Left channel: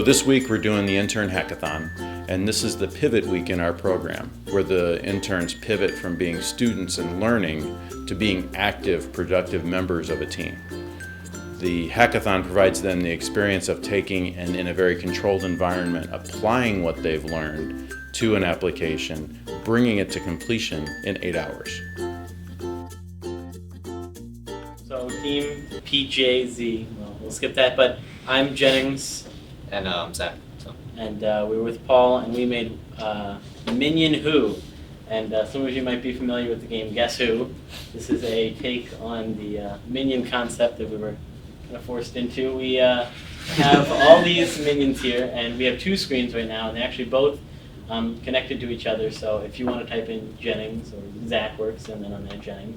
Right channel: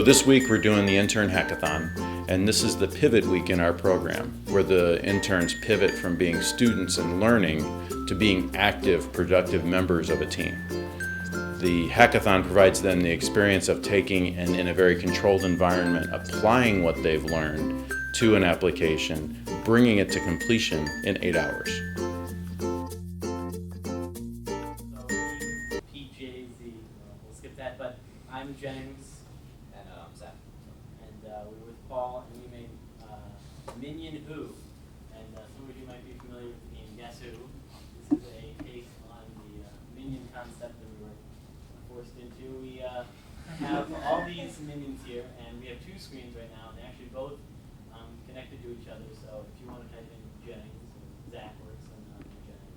So this week we're doing the Intern Hackathon, and this is the pivot week in our program, where the interns pivot from being students and learning to being active, productive members of a team. The hackathon provides them the experience of taking and, in a very controlled environment, applying what they've learned to an application, bringing it to completion in 8 hours. So team PJZ, well, we'll skip that, but I'm Jennings. And Zach. So. And we're with Paul, and we made Minion Who. And some of you might be familiar with the game Guess Who. This is a take on the Minion concept that we were kind of forced into. We have all these minions here, and we have 2 screens right now, and they're actually both connected to each other. So if you want to type in Jennings, or Zach works, and then on there Jennings,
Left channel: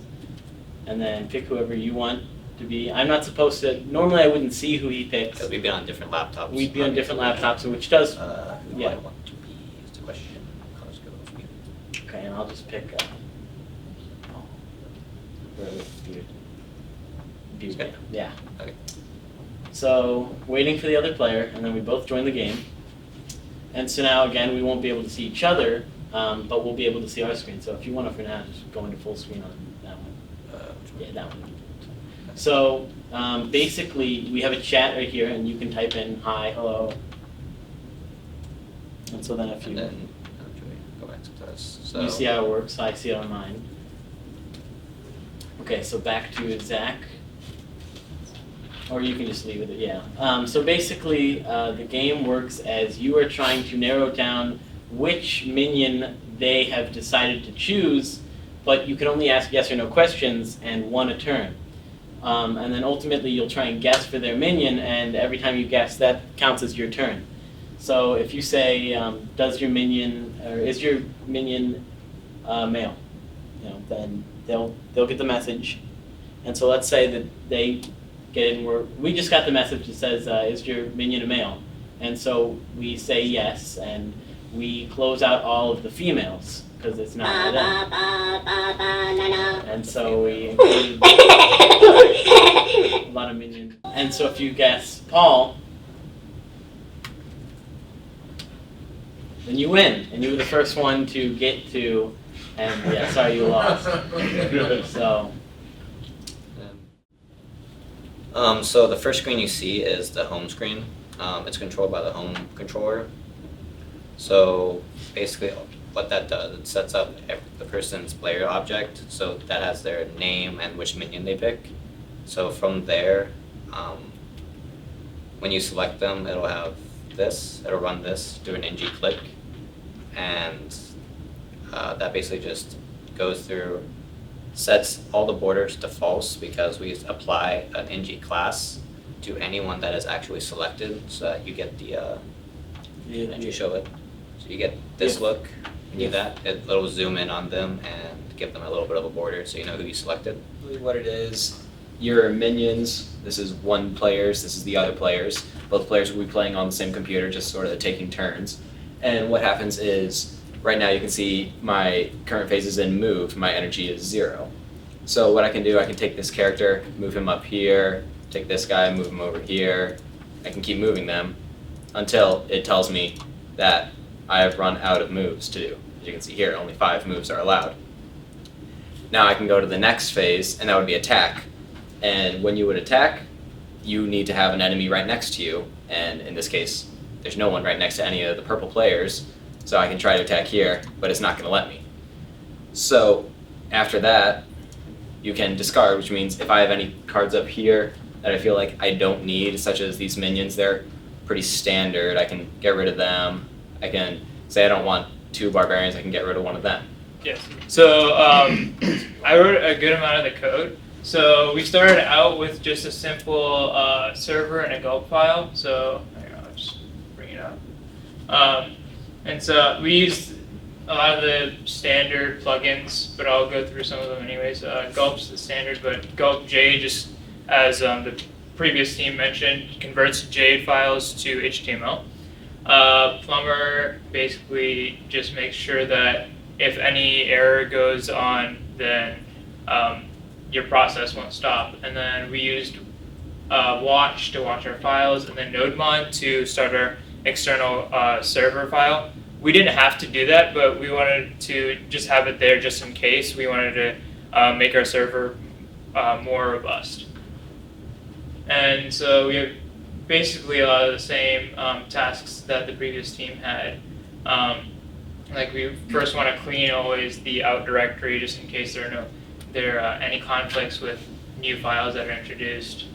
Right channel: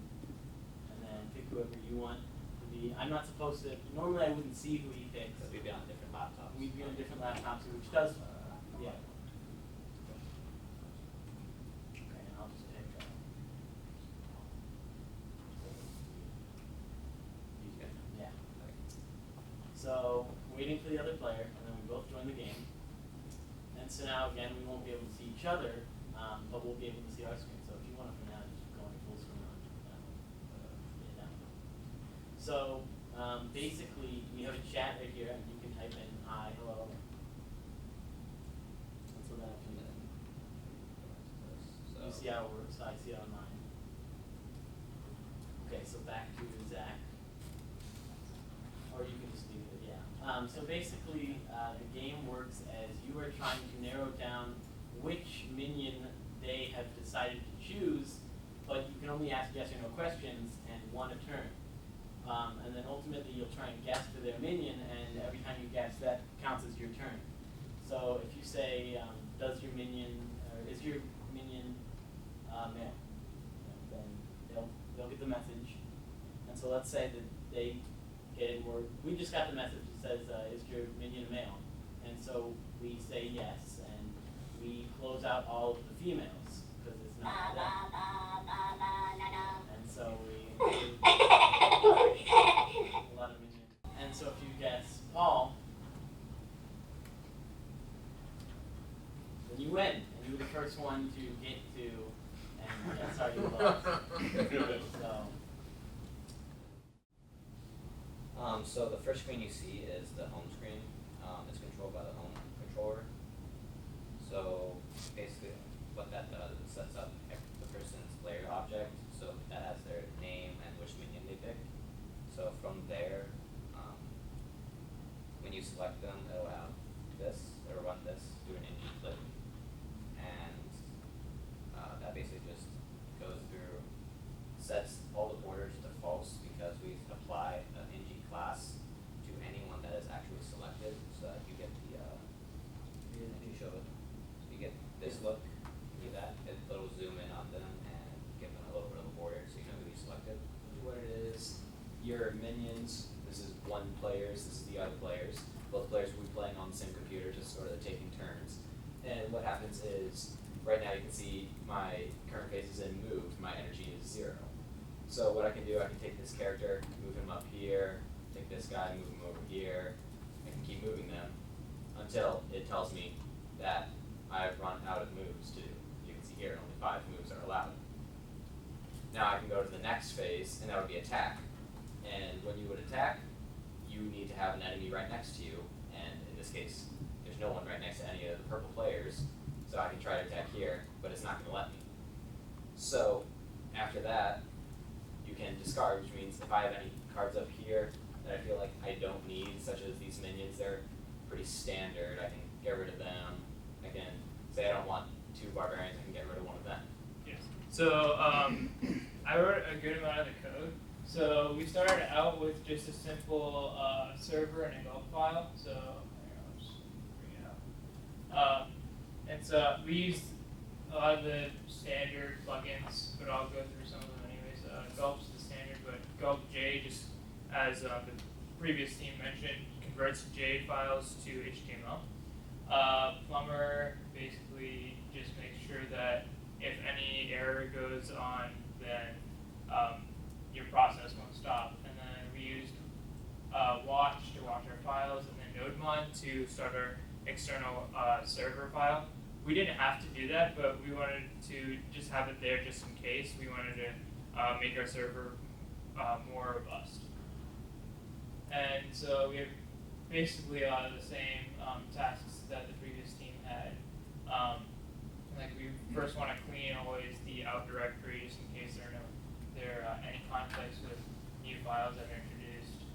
and then pick whoever you want to be. I'm not supposed to, normally I wouldn't see who he picks. Because we'd be on different laptops. We'd be on different laptops, which does, who yeah. I want to be is the question. Let's go with me. Okay, and I'll just pick, Okay. Yeah. Okay. So, waiting for the other player, and then we both join the game. And so now, again, we won't be able to see each other, but we'll be able to see our screen. So if you want to, for now, just go into full screen on that one. Yeah, that one. So basically, we have a chat right here, and you can type in hi, hello. And so then if you, And then go back to this. So you see how it works, I see it on mine. Okay, so back to Zach. Or you can just leave it, yeah. So basically, the game works as you are trying to narrow down which minion they have decided to choose, but you can only ask yes or no questions and 1 a turn. And then ultimately you'll try and guess for their minion, and every time you guess, that counts as your turn. So if you say, does your minion, or is your minion male? You know, then they'll get the message. And so let's say that they get it, and we just got the message that says, is your minion a male? And so we say yes, and we close out all of the females, because it's not them. And so we include a lot of minions. And so if you guess Paul, then you win, and you were the first one to get to, and yeah, sorry you lost. So. So the first screen you see is the home screen. It's controlled by the home controller. So basically what that does, it sets up the person's player object, so that has their name and which minion they pick. So from there, when you select them, it'll have this, it'll run this, do an ng click, and that basically just goes through, sets all the borders to false because we apply an ng class to anyone that is actually selected, so that you get the, and you show it. So you get this look, and you do that, it'll zoom in on them and give them a little bit of a border so you know who you selected. Really what it is, your minions, this is one player's, this is the other player's. Both players will be playing on the same computer, just sort of taking turns. And what happens is, right now you can see my current phase is in move, my energy is 0. So what I can do, I can take this character, move him up here, take this guy, move him over here. I can keep moving them until it tells me that I have run out of moves to do. As you can see here, only 5 moves are allowed. Now I can go to the next phase, and that would be attack. And when you would attack, you need to have an enemy right next to you, and in this case, there's no one right next to any of the purple players, so I can try to attack here, but it's not going to let me. So after that, you can discard, which means if I have any cards up here that I feel like I don't need, such as these minions, they're pretty standard, I can get rid of them. I can say I don't want 2 barbarians, I can get rid of one of them. Yes. So I wrote a good amount of the code. So we started out with just a simple server and a gulp file. So I'll just bring it up. And so we used a lot of the standard plugins, but I'll go through some of them anyways. Gulp's the standard, but Gulp J, just as the previous team mentioned, converts JADE files to HTML. Plumber basically just makes sure that if any error goes on, then your process won't stop. And then we used watch to watch our files, and then nodemon to start our external server file. We didn't have to do that, but we wanted to just have it there just in case. We wanted to make our server more robust. And so we have basically a lot of the same tasks that the previous team had. Like we first want to clean always the out directory just in case there are any conflicts with new files that are introduced.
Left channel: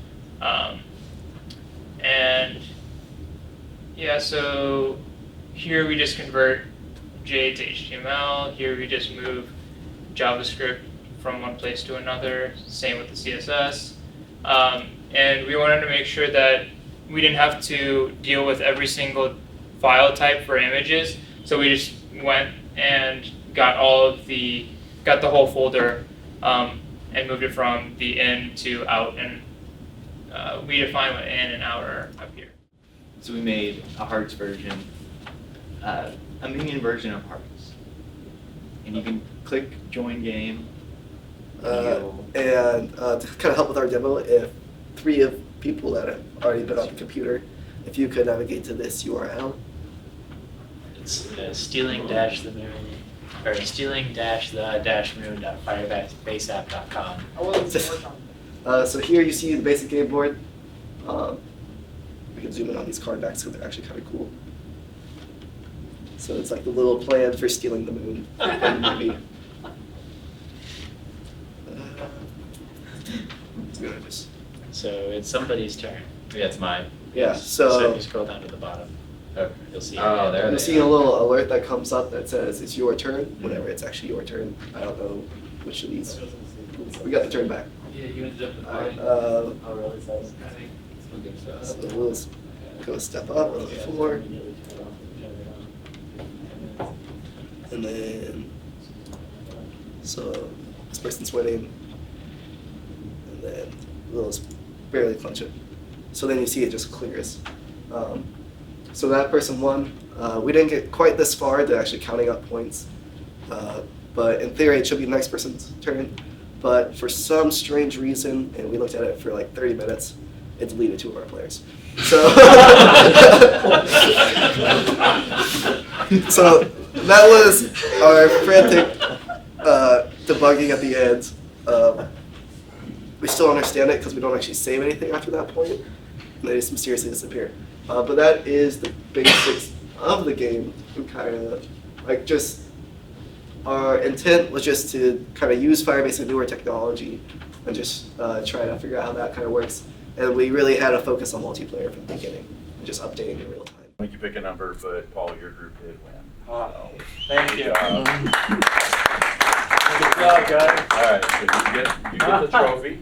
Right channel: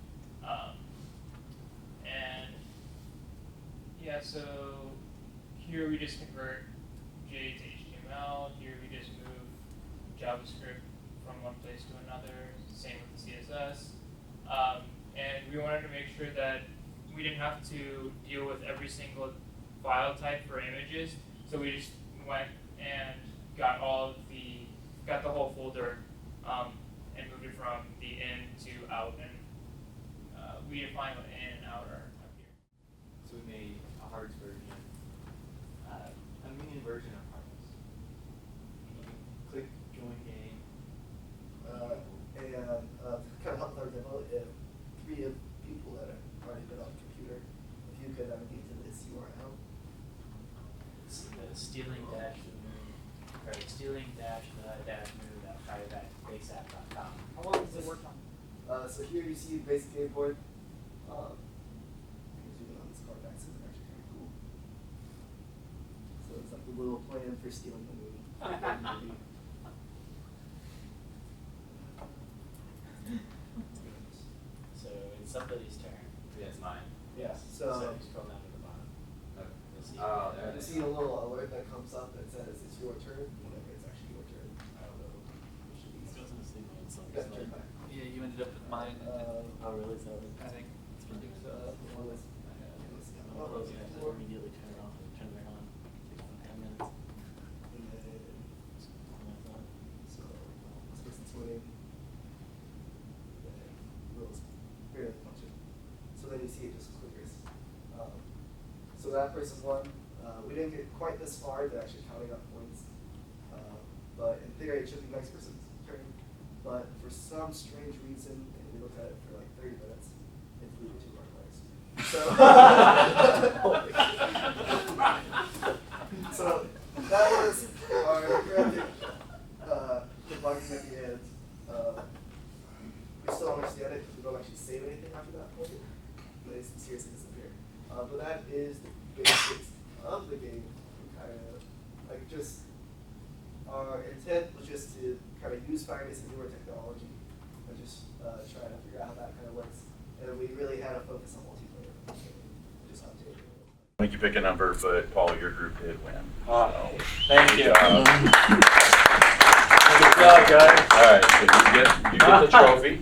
And yeah, so here we just convert J to HTML. Here we just move JavaScript from one place to another. Same with the CSS. And we wanted to make sure that we didn't have to deal with every single file type for images. So we just went and got the whole folder and moved it from the in to out, and we define what in and out are up here. So we made a Hearts version, a minion version of Hearts, and you can click join game. To kind of help with our demo, if 3 of people that have already been on the computer, if you could navigate to this URL. It's stealing-the-moon.firebaseapp.com. So here you see the basic game board. We can zoom in on these card backs because they're actually kind of cool. So it's like the little plan for stealing the moon. Maybe. So it's somebody's turn. Yeah, it's mine. Yeah, So so if you scroll down to the bottom, Oh, you'll see. Oh, there you'll they see are. a little alert that comes up that says it's your turn, whenever it's actually your turn. I don't know which of these. We got the turn back. Yeah, you ended up Alright, oh, really? so we'll go step up to the floor, and then, so this person's winning, and then we'll just barely clinch it. So then you see it just clears. So that person won. We didn't get quite this far to actually counting up points, but in theory it should be the next person's turn. But for some strange reason, and we looked at it for like 30 minutes, it deleted 2 of our players. So, so that was our frantic debugging at the end. We still understand it because we don't actually save anything after that point, and they just mysteriously disappear. But that is the basics of the game. We kind of like just. Our intent was just to kind of use Firebase and newer technology and just try to figure out how that kind of works. And we really had a focus on multiplayer from the beginning, and just updating in real time. I think you pick a number, but Paul, your group did win. Thank Good you. job. Good job, guys. All right, so you get the trophy.